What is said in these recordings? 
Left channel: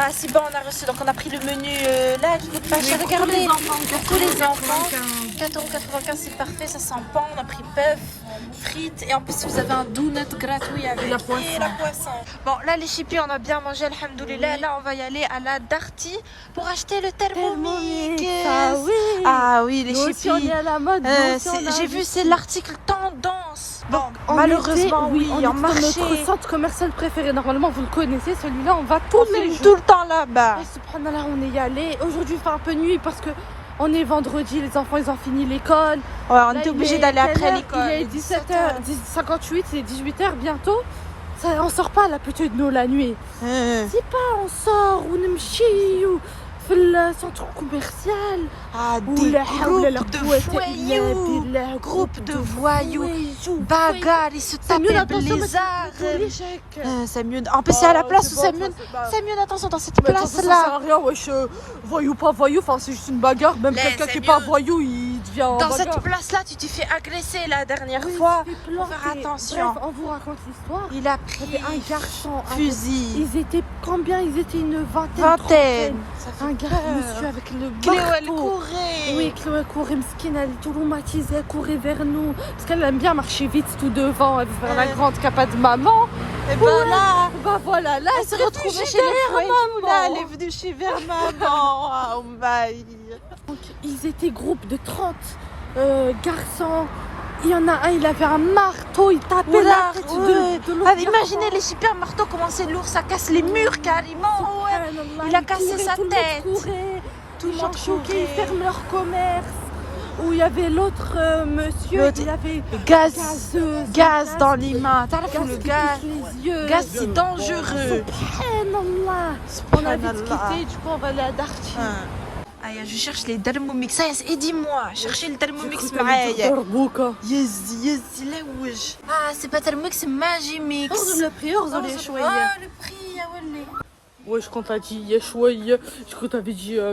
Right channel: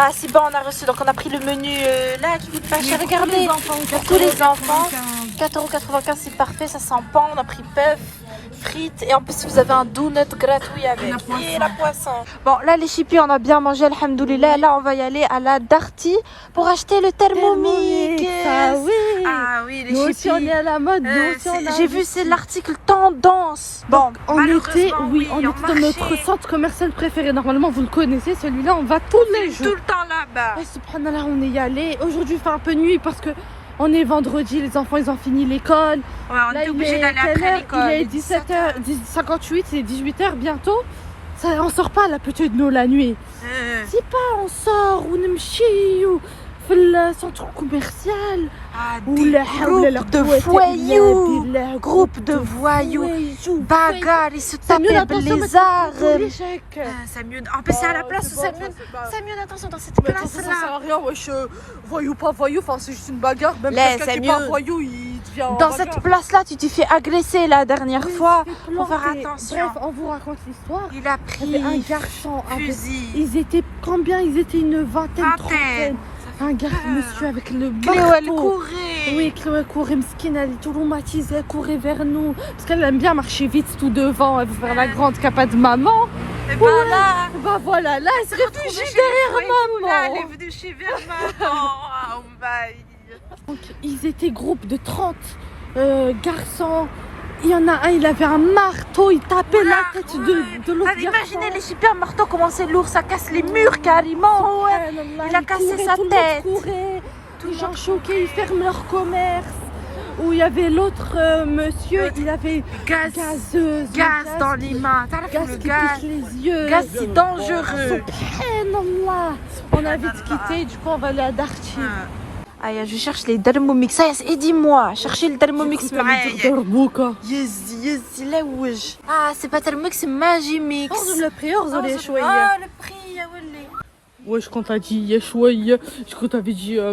Ah, c'est bon, on a reçu. Donc, on a pris le menu là qui coûte pas cher. Regardez, pour tous les enfants. 4,95 €, c'est parfait. Ça sent bon. On a pris bœuf, frites. Et en plus, vous avez un donut gratuit avec. Et la poisson. Bon, là, les chippies, on a bien mangé, alhamdoulilah. Là, on va y aller à la Darty pour acheter le Thermomix. Ah oui, les chippies. J'ai vu, c'est l'article tendance. Bon, malheureusement, oui, on marchait. Notre centre commercial préféré, normalement, vous le connaissez, celui-là, on va tous les jours. Tout le temps là-bas. Subhanallah, on est y allé. Aujourd'hui, il fait un peu nuit parce que on est vendredi, les enfants, ils ont fini l'école. Ouais, on était obligés d'aller après l'école. Il est 17h58, c'est 18h bientôt. Ça, on sort pas là, plutôt de nous la nuit. C'est pas, on sort, ou ou le centre commercial. Ah, des groupes de voyous. Groupes de voyous. Bagarre, ils se tapaient les arts. C'est mieux. En plus, c'est à la place où c'est mieux. C'est mieux, attention, dans cette place-là. Voyou, pas voyou, enfin, c'est juste une bagarre. Même quelqu'un qui est pas voyou, il devient. Dans cette place-là, tu t'es fait agresser la dernière fois. Faut faire attention. Bref, on vous raconte l'histoire. Il a pris un garçon, fusil. Ils étaient combien? Ils étaient une vingtaine. Un garçon, monsieur avec le Cléo, elle courait. Oui, Cléo, elle courait. Mesquine, elle est traumatisée. Elle courait vers nous. Parce qu'elle aime bien marcher vite tout devant. Elle veut voir la grande capa de maman. Et ben là, voilà, là, elle s'est retrouvée chez les voyous. Là, elle est venue chez vers maman. Oh my. Donc, ils étaient groupe de 30 garçons. Il y en a un, il avait un marteau, il tapait la tête de l'autre. Imaginez les super marteaux, comment c'est lourd, ça casse les murs carrément. Ouais. Il a cassé sa tête. Tout le monde choqué, ils ferment leur commerce. Où il y avait l'autre monsieur, il avait gaz dans les mains. T'as le gaz. Gaz, c'est dangereux. On a vite quitté, du coup on va aller à Darty. Aïe, je cherche les Thermomix. Aidez-moi, cherchez le Thermomix معايا. Yes, là où je. Ah, c'est pas Thermomix, c'est Magimix. Le prix, Ah, le prix, ya wali. Ouais, je compte à dire Yeshouaya. Je compte à dire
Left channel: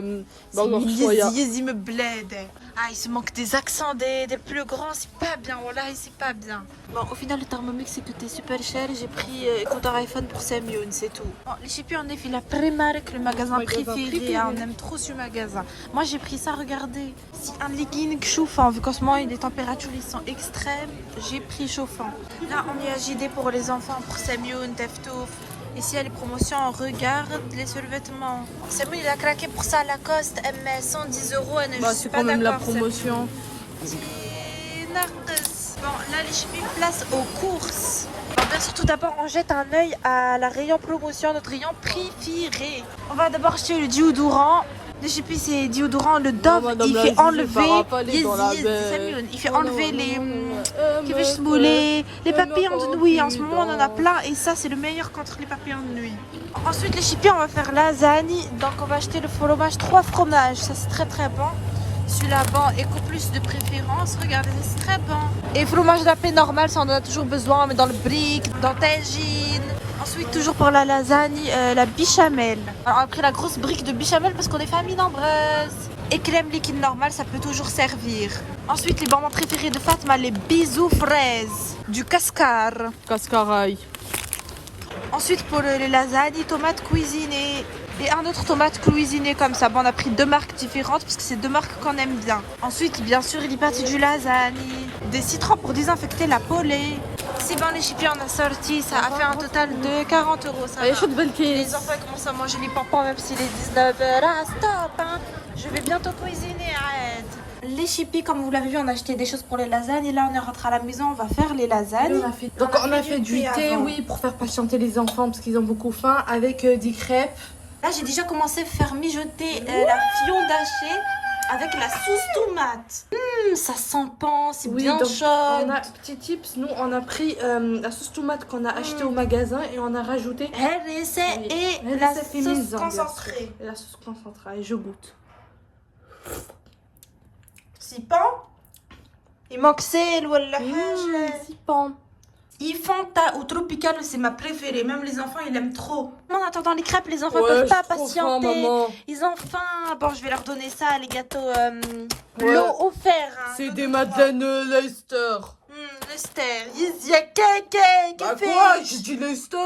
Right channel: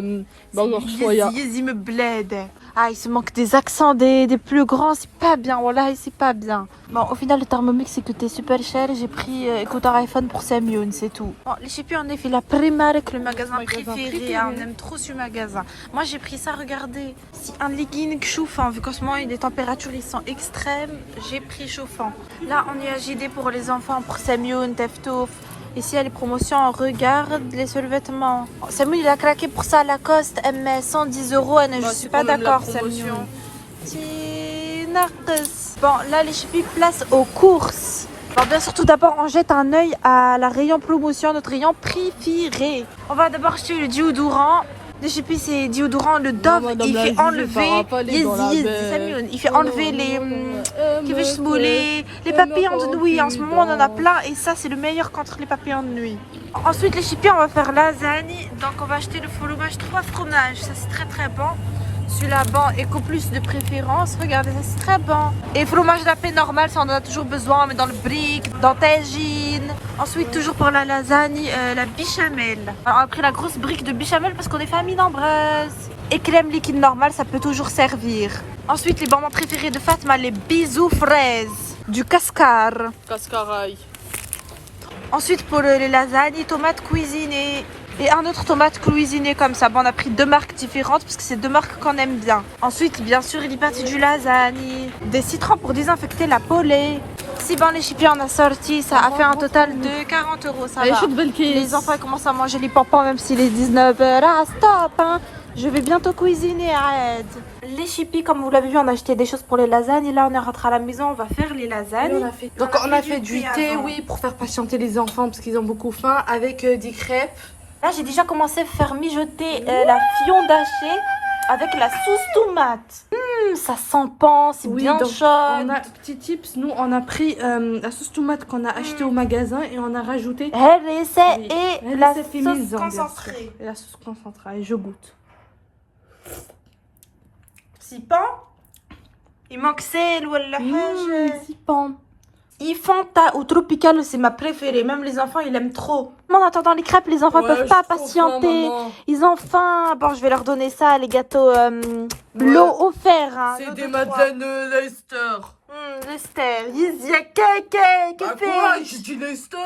Yes, me bled. Ah, il se manque des accents des plus grands, c'est pas bien. Voilà, c'est pas bien. Bon, au final, le Thermomix, c'est coûté super cher. J'ai pris écouteur iPhone pour 5 millions, c'est tout. Bon, les chippies, on a fait la Primark, le magasin préféré. On aime trop ce magasin. Moi, j'ai pris ça, regardez. C'est un legging chauffant. Vu qu'en ce moment, les températures ils sont extrêmes, j'ai pris chauffant. Là, on est à JD pour les enfants pour 5 millions, Teftouf. Ici, il y a les promotions, on regarde les survêtements. Samuel, il a craqué pour ça à Lacoste, mais 110 €. Je suis pas d'accord, Samuel. Bon, là, les chippies, place aux courses. Bon, bien sûr, tout d'abord, on jette un œil à la rayon promotion, notre rayon préféré. On va d'abord acheter le déodorant. Les chippies, c'est déodorant, le Dove, il fait enlever il fait enlever les papillons de nuit. En ce moment, on en a plein et ça, c'est le meilleur contre les papillons de nuit. Ensuite, les chippies, on va faire lasagne. Donc, on va acheter le fromage, 3 fromages. Ça, c'est très très bon. Celui-là, bon, Eco Plus de préférence. Regardez, ça, c'est très bon. Et fromage lapin normal, ça, on en a toujours besoin. On met dans le brick, dans tagine. Ensuite, toujours pour la lasagne, la béchamel. Alors, on a pris la grosse brique de béchamel parce qu'on est famille nombreuse. Et crème liquide normale, ça peut toujours servir. Ensuite, les bonbons préférés de Fatma, les bisous fraises du Cascar. Cascaraï. Ensuite, pour les lasagnes, tomates cuisinées. Et un autre tomate cuisiné comme ça. Bon, on a pris 2 marques différentes parce que c'est 2 marques qu'on aime bien. Ensuite, bien sûr, il est parti du lasagne. Des citrons pour désinfecter la polée. C'est bon, les chippies, on a sorti. Ça a fait un total de 40 €. Ça va. Les enfants commencent à manger les pampons même s'il est 19 h. Ah, stop, hein. Je vais bientôt cuisiner, arrête. Les chippies, comme vous l'avez vu, on a acheté des choses pour les lasagnes. Et là, on est rentré à la maison, on va faire les lasagnes. On a fait du thé, oui, pour faire patienter les enfants parce qu'ils ont beaucoup faim, avec des crêpes. Là, j'ai déjà commencé à faire mijoter la fion hachée avec la sauce tomate. Ça sent bon, c'est bien chaud. On a petit tips, nous on a pris la sauce tomate qu'on a achetée au magasin et on a rajouté la sauce concentrée. La sauce concentrée, je goûte. C'est bon. Il manque sel ou la c'est bon. Fanta ou Tropical, c'est ma préférée. Même les enfants, ils aiment trop. En attendant les crêpes, les enfants peuvent pas patienter. Ils ont faim. Bon, je vais leur donner ça, les gâteaux l'eau offert. Hein, c'est des Madeleine Lester. Lester. Il y a Keke. Quoi? J'ai dit Lester.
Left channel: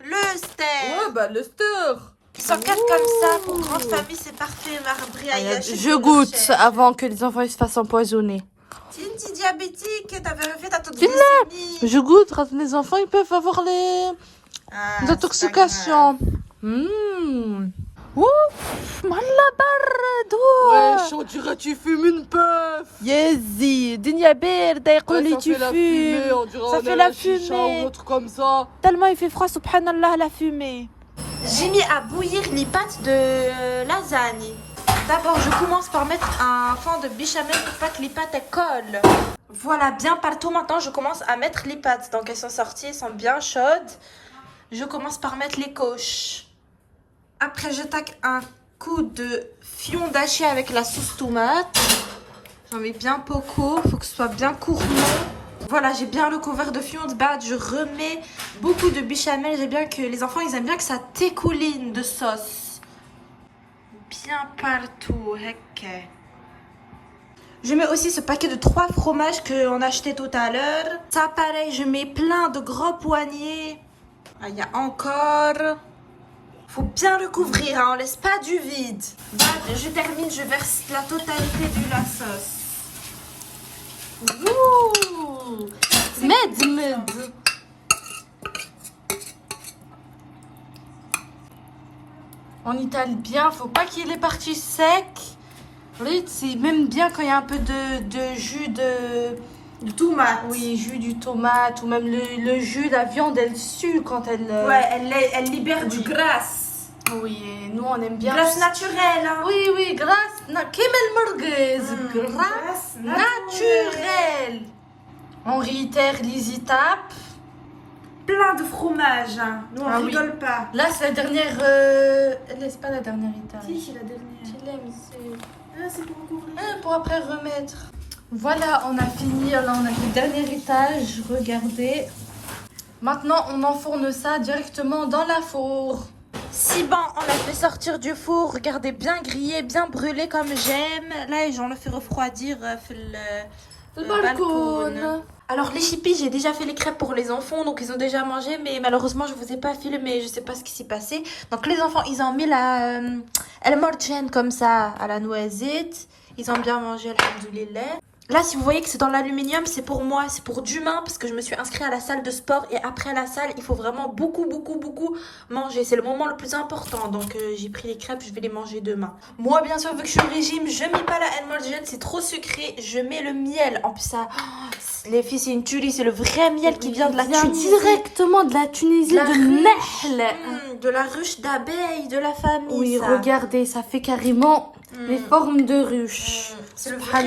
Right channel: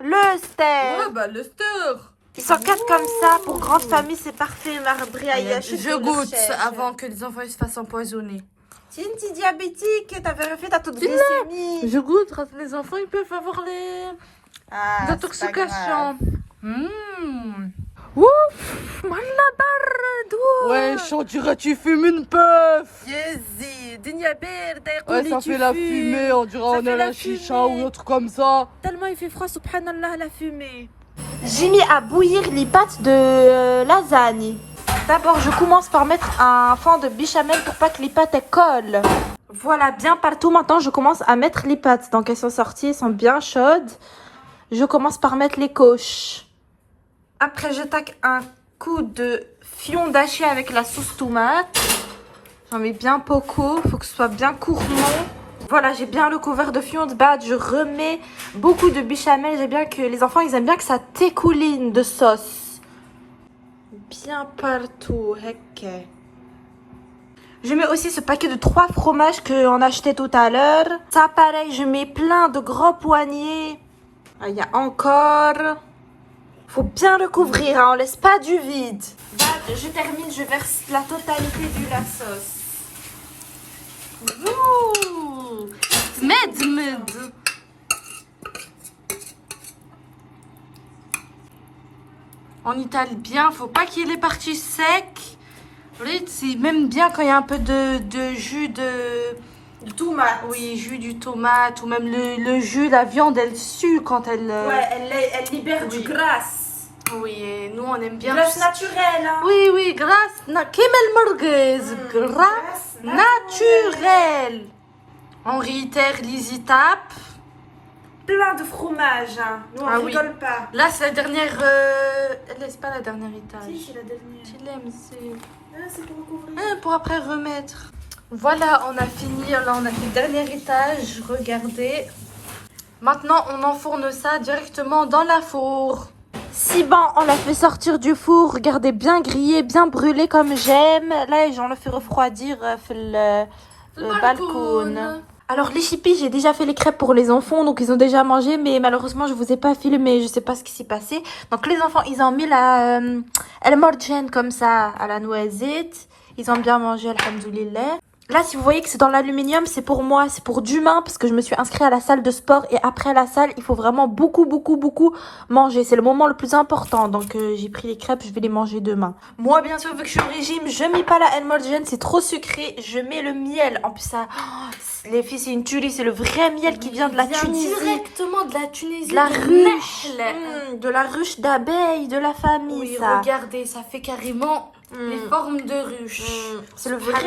Lester. Ouais, bah Lester. 104 comme ça, pour grande famille, c'est parfait. Je goûte avant que les enfants ils se fassent empoisonner. Tu es une petite diabétique, t'as vérifié ta taux de glycémie. Je goûte, les enfants ils peuvent avoir les intoxications. Ouf, mallah bardo. Ouais, on dirait que tu fumes une puff. Yezi, dunya birda, يقولي Ça tu fait la fumée, fumes. on dirait Ça on fait est la un chicha fumée. ou un truc comme ça. Tellement il fait froid, subhanallah, la fumée. J'ai mis à bouillir les pâtes de lasagne. D'abord, je commence par mettre un fond de béchamel pour pas que les pâtes elles collent. Voilà, bien partout. Maintenant, je commence à mettre les pâtes. Donc, elles sont sorties, elles sont bien chaudes. Je commence par mettre les couches. Après, j'attaque un coup de fion d'hachis avec la sauce tomate. J'en mets bien beaucoup. Faut que ce soit bien gourmand. Voilà, j'ai bien le couvert de fion de bade. Je remets beaucoup de béchamel. J'aime bien que les enfants, ils aiment bien que ça t'écouline de sauce. Bien partout. Ok. Je mets aussi ce paquet de 3 fromages qu'on a acheté tout à l'heure. Ça, pareil, je mets plein de gros poignées. Ah, il y a encore. Faut bien le couvrir, hein, on laisse pas du vide. Je termine, je verse la totalité de la sauce. Ouh, med. On étale bien, faut pas qu'il y ait les parties secs. C'est même bien quand il y a un peu de jus de tomate. Oui, jus du tomate ou même le jus, la viande, elle sue quand elle... Ouais, elle libère du graisse. Oui, et nous on aime bien. Graisse naturelle. Hein. Oui, grasse. Kemel merguez. Grasse naturelle. On réitère les étapes. Plein de fromage. Hein. Nous, on rigole pas. Là, c'est la dernière. C'est pas la dernière étape. Si, c'est la dernière. Tu l'aimes, c'est. Ah, c'est pour encore. Pour après remettre. Voilà, on a fini. Là, on a fait le dernier étage. Regardez. Maintenant, on enfourne ça directement dans la four. Si bon, on l'a fait sortir du four. Regardez, bien grillé, bien brûlé comme j'aime. Là, j'en le fait refroidir le balcon. Alors les chippies, j'ai déjà fait les crêpes pour les enfants, donc ils ont déjà mangé, mais malheureusement je vous ai pas filmé, je sais pas ce qui s'est passé. Donc les enfants, ils ont mis la el morgen comme ça à la noisette. Ils ont bien mangé, alhamdoulilah. Là, si vous voyez que c'est dans l'aluminium, c'est pour moi, c'est pour d'humain, parce que je me suis inscrite à la salle de sport et après la salle, il faut vraiment beaucoup manger. C'est le moment le plus important, donc j'ai pris les crêpes, je vais les manger demain. Moi, bien sûr, vu que je suis au régime, je mets pas la Elmorgen, c'est trop sucré, je mets le miel. En plus, ça, les filles, c'est une tuerie, c'est le vrai miel qui vient de la Tunisie. Directement de la Tunisie, de la ruche, de la ruche d'abeilles, de la famille, oui, ça. regardez, ça fait carrément les formes de ruche. C'est le vrai.